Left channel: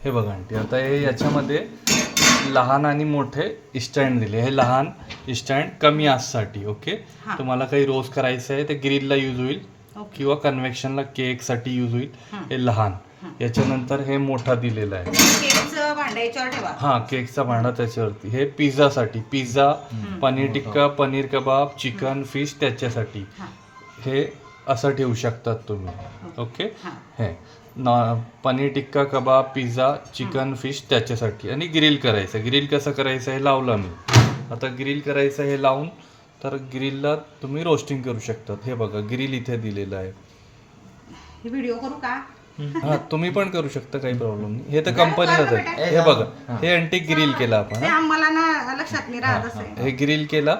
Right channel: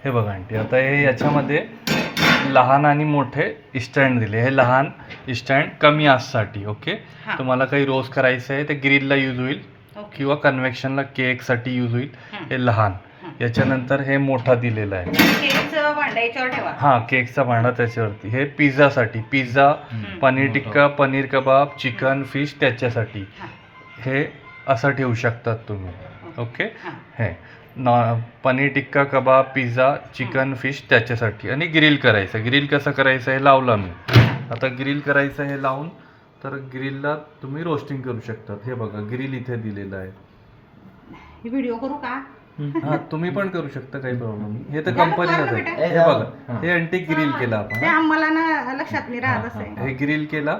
हे बघा आंटी, आता हे याच्यामध्ये लहान आणि मोठे स्टँड दिले. हे लहान स्टँड कमी आससाठी. ओके, हा. तुम्हाला काही रोस्ट करायचं आहे ते ग्रिलला यूज होईल ओके. किंवा कन्व्हेक्शनला केकसाठी यूज होईल. हं. हे लहान. हं. याच्यानंतर हे मोठा दिलेला आहे. केकचं भांडं याच्यावर ठेवा. हां, केकचा भांडा त्याच्यावरती. हे पिझ्झासाठी, पिझ्झा, पनीर टिक्का, पनीर कबाब, चिकन, फिश त्याच्यासाठी. हा. हे असं ठेवू शकतात तुम्ही. ओके, हा. हे पनीर टिक्का, कबाब, पिझ्झा, चिकन, फिश त्याच्यासाठी. आणि ग्रिल करायचं. ग्रिल कसं करायचं हे लावलं मी. आता ग्रिल करायचं हे लावून तर ग्रिलला तुम्ही रोस्टिंग करू शकतात. हे बघा ग्रिल इथे दिलेलं आहे. हे व्हिडिओ करू का? हा, तुम्ही पण करू शकता, काही प्रॉब्लेम नाही. हे तर द्या ना, कंपनीलाच करा आहे. बेटा. हे बघा, हे अंटी ग्रिल केला आपण. ते आम्हाला ना लक्षात नाही राहत असं. हे ग्रिल केला,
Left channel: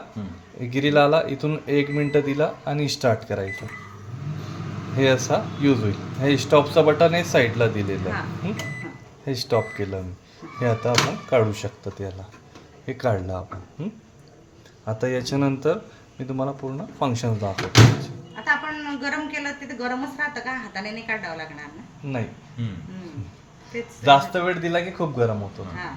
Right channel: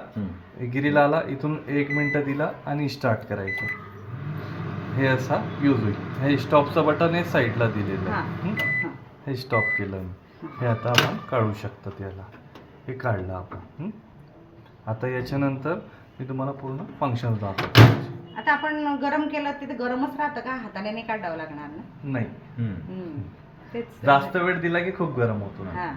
ग्रिल आला, इथून 1 मिनिट दिला आणि स्टार्ट करायचं. हे असा यूज होईल. हे स्टॉपचं बटन हे साईडला दिलेलं आहे. हे स्टॉप केलं मी. हे आता आपण काढू शकतो त्याला. हे काढलं आपण. आता याच्यानंतर मी तुम्हाला पूर्ण फंक्शन दाखवतो. आता आपण गरम केलं ते गरमच राहतं का? हाताने नाही काढावं लागणार ना? नाही, तेच जास्त वेळ दिला की खूप गरम होतो. हा.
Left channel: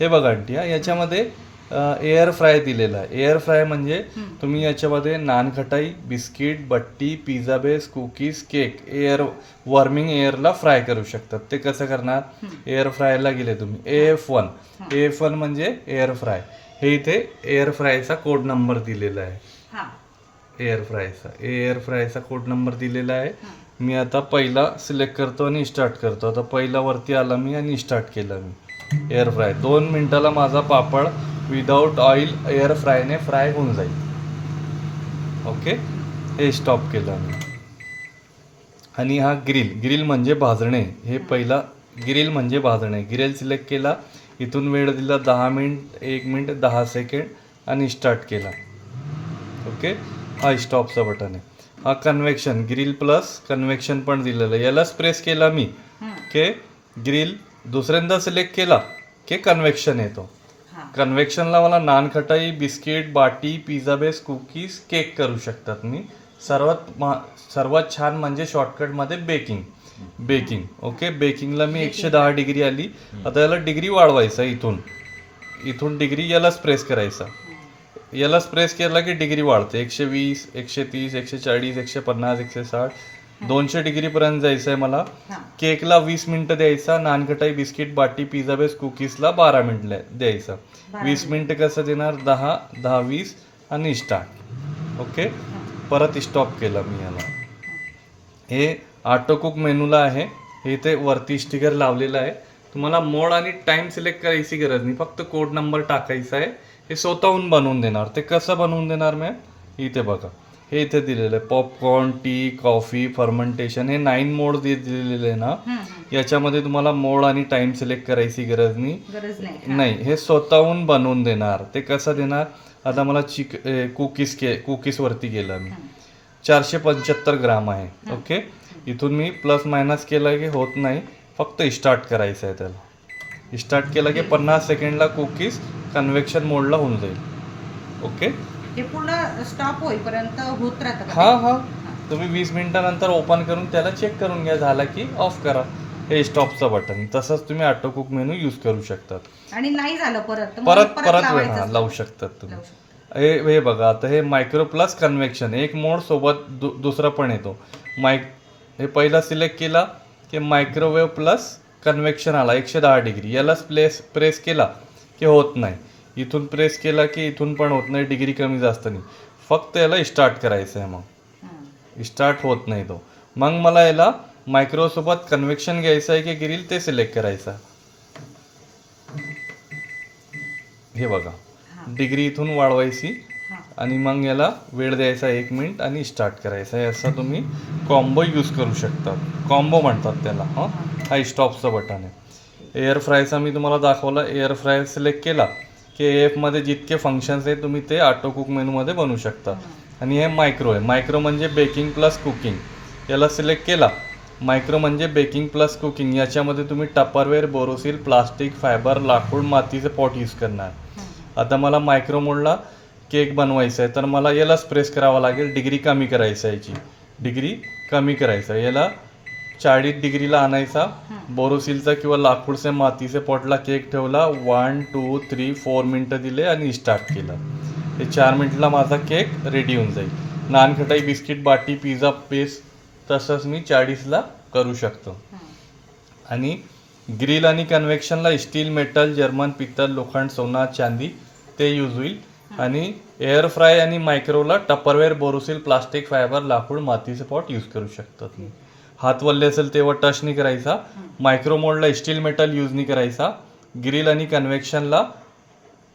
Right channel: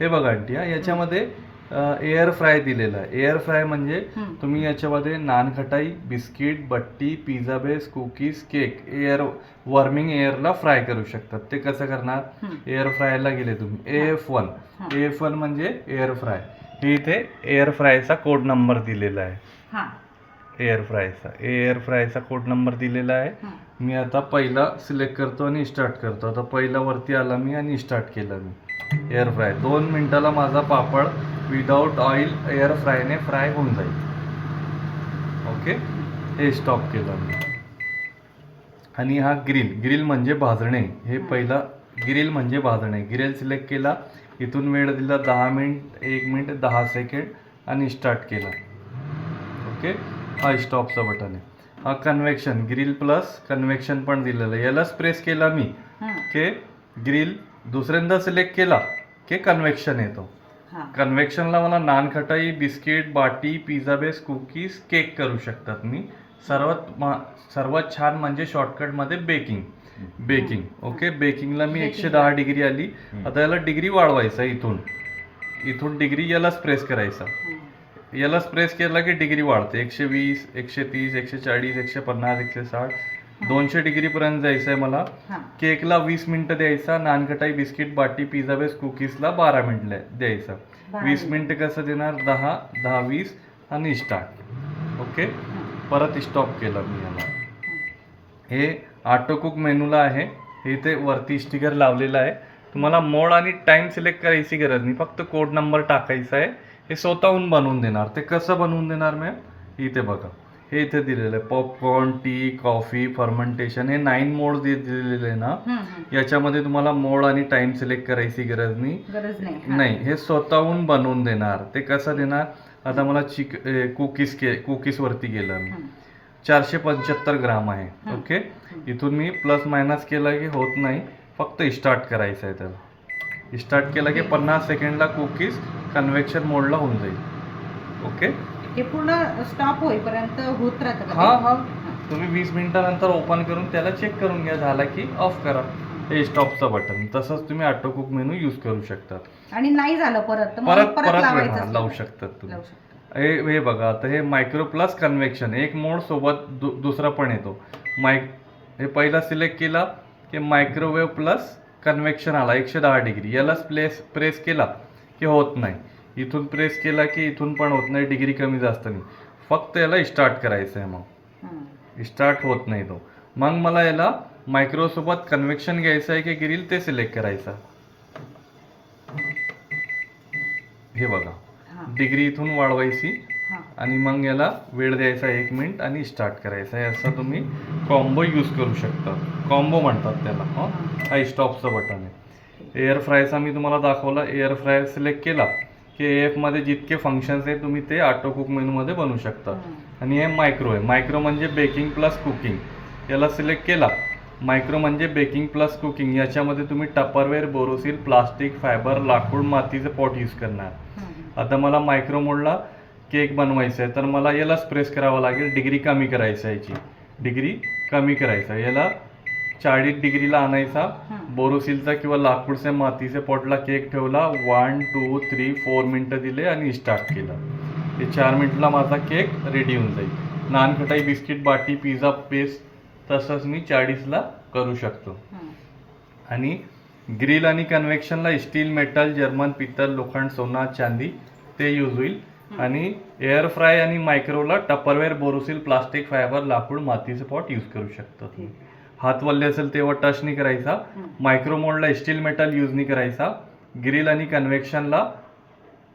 हे बघा आंटी, याच्यामध्ये एअर फ्राय दिलेला आहे. एअर फ्राय म्हणजे तुम्ही याच्यामध्ये नानखटाई, बिस्किट, बट्टी, pizza base, cookies, cake warming एअरला फ्राय करू शकतात. ते कसं करणार? एअर फ्रायला गेले तुम्ही, AF1 म्हणजे एअर फ्राय. हे इथे एअर फ्रायचा कोड नंबर दिलेला आहे. हा. एअर फ्रायचा कोड नंबर दिलेला आहे. मी आता पहिला सिलेक्ट करतो आणि स्टार्ट करतो. आता पहिला वरती आला मी आणि स्टार्ट केलं मी. एअर फ्राय 2 मिनिटाला माझा पापड विदाऊट ऑइल एअर फ्रायने फ्राय होऊन जाईल. ओके, हे स्टॉप केलं मी. आणि हा ग्रिल म्हणजे भाजणे. हे पहिला ग्रिल म्हणजे भाजणे. ग्रिल सिलेक्ट केला, इथून वेळ दिला 10 मिनिट, 1 मिनिट 10 सेकंड आणि स्टार्ट केला. ओके, हा स्टॉपचा बटन आहे. हा कन्व्हेक्शन, ग्रिल प्लस कन्व्हेक्शन पण दिलेलं आहे. यालाच प्रेस केला मी के ग्रिल, दुसऱ्यांदा सिलेक्ट केला की कन्व्हेक्शन येतो. कन्व्हेक्शनला मला नानखटाई, बिस्किट, बाटी, पिझ्झा बेस, कुकीज, केक करू शकतात मी. सर्वात छान म्हणजे शॉर्टकटमध्ये बेकिंग. ओके, बेकिंगला मी 110 डिग्री आली. आता याला डिग्री वाढवायचा. इथून डिग्री यालाच प्रेस करायचा. यालाच प्रेस केला की डिग्री वाढते. 120, 130, 140, 150, 160, 200 डिग्री पर्यंत जायचं आहे मला. केकला 20 मिनिटं द्यायचा. नानखटाई, बिस्किट, बाटी, पिझ्झा बेस, कुकीजला 12 मिनिट द्यायचा. 20 मिनिटं कसं देणार? 10, 10, 20 आणि स्टार्ट. ओके, परत स्टॉप केलं मी याला. हे ऑटो कुक मेनूला आहे. हे ते वरती स्टिकर लावलेलं आहे. तुम्हाला मोड आणि टाइम सिलेक्ट करायची गरज नाही, फक्त कोड नंबर टाकायचा आहे. हे स्वतःहून बनवून देणार. ते कसं बनवून देणार मॅम? इथे बघा, हे इथे दिलेलं आहे. पॉपकॉर्न, टी, कॉफी, फर्मेंटेशन, हे 9 मोड दिलेले आहे ना. याच्यामध्ये तुम्हाला मोड आणि टाइम सिलेक्ट करायची गरज नाही. हे स्वतःहून बनवून देणार. ते कसं देणार? आता मला कुकीज वरती गेलं मी. 475 ग्राम आहे. ओके, इथून मी प्लस मायनस केलं की होत नाही, फक्त स्टार्ट करायचं आहे त्याला. स्टार्ट केलं की 50 सेकंडला कुकीज कन्व्हेक्शन मोडला होऊन जाईल. ओके, हे पूर्ण स्टॉप होईपर्यंत होत राहतं. हा, तुम्ही 20 मिनिटानंतर ओपन करून त्याला चेक करून घ्या, झाला की ऑफ करा. हे स्टॉपचं बटन. तसंच तुम्ही ऑटो कुक मेनू यूज करू शकतात. आणि नाही झालं परत लावू शकतात तुम्ही. हे बघा, आता हे मायक्रो प्लस कन्व्हेक्शन, एक मोड सोबत दुसरा पण येतो. हे पहिला सिलेक्ट केला की मायक्रोवेव्ह प्लस कन्व्हेक्शन आला 110 डिग्री. यालाच प्रेस केला की होत नाही. इथून प्रेस केला की इथून पण होत नाही, डिग्री कमी जास्त नाही. फक्त याला स्टार्ट करायचं आहे. मग स्टार्ट होत नाही तो. मग मला याला मायक्रोसोबत कन्व्हेक्शन घ्यायचं आहे की ग्रिल ते सिलेक्ट करायचं. हे बघा, डिग्री इथून वाढवायची आणि मग याला वेळ द्यायचा 1 मिनिट आणि स्टार्ट करायचा आहे. असं तुम्ही कॉम्बो यूज करू शकता. कॉम्बो म्हणतात त्याला. हा स्टॉपचं बटन आहे. एअर फ्रायचा मी तुम्हाला दाखवला. एअर फ्राय सिलेक्ट केला की AF मध्ये जितके फंक्शन्स आहेत तुम्ही ते ऑटो कुक मेनूमध्ये बनवू शकता. आणि हे मायक्रो आहे. मायक्रो म्हणजे बेकिंग प्लस कुकिंग. याला सिलेक्ट केला. मायक्रो म्हणजे बेकिंग प्लस कुकिंग. याच्यामध्ये तुम्ही टपरवेअर, बोरोसिल, प्लास्टिक, फायबर, लाकूड, मातीचे पॉट यूज करणार. आता मला मायक्रो मोडला केक बनवायचा आहे तर मला यालाच प्रेस करावं लागेल. डिग्री कमी करायचं आहे. याची डिग्री कमी करायचं. याला 40 डिग्रीला आणायचा, हं. बोरोसिलचा किंवा लाकूड से मातीचे पॉटला केक ठेवला, 1 2 3 4 मिनटं दिले आणि स्टार्ट केलं. हे 4 मिनिटला माझा केक रेडी होऊन जाईल. नानखटाई, बिस्किट, बाटी, पिझ्झा बेस तसंच मी 40ला करू शकतो. हं. आणि ग्रिल आणि कन्व्हेक्शनला स्टील, मेटल, जर्मन, पित्तल, लोखंड, सोना, चांदी ते यूज होईल. आणि एअर फ्राय आणि मायक्रोला टपरवेअर, बोरोसिल, प्लास्टिक, फायबर, लाकूड, मातीचे पॉट यूज करू शकतात. ठीक. हात वल्ले असेल तेव्हा टच नाही करायचा. मायक्रो मोडला स्टील, मेटल यूज नाही करायचा. ग्रिल आणि कन्व्हेक्शनला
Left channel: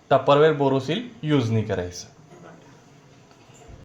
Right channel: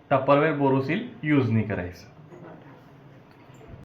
टपरवेअर, बोरोसिल यूज नाही करायचं.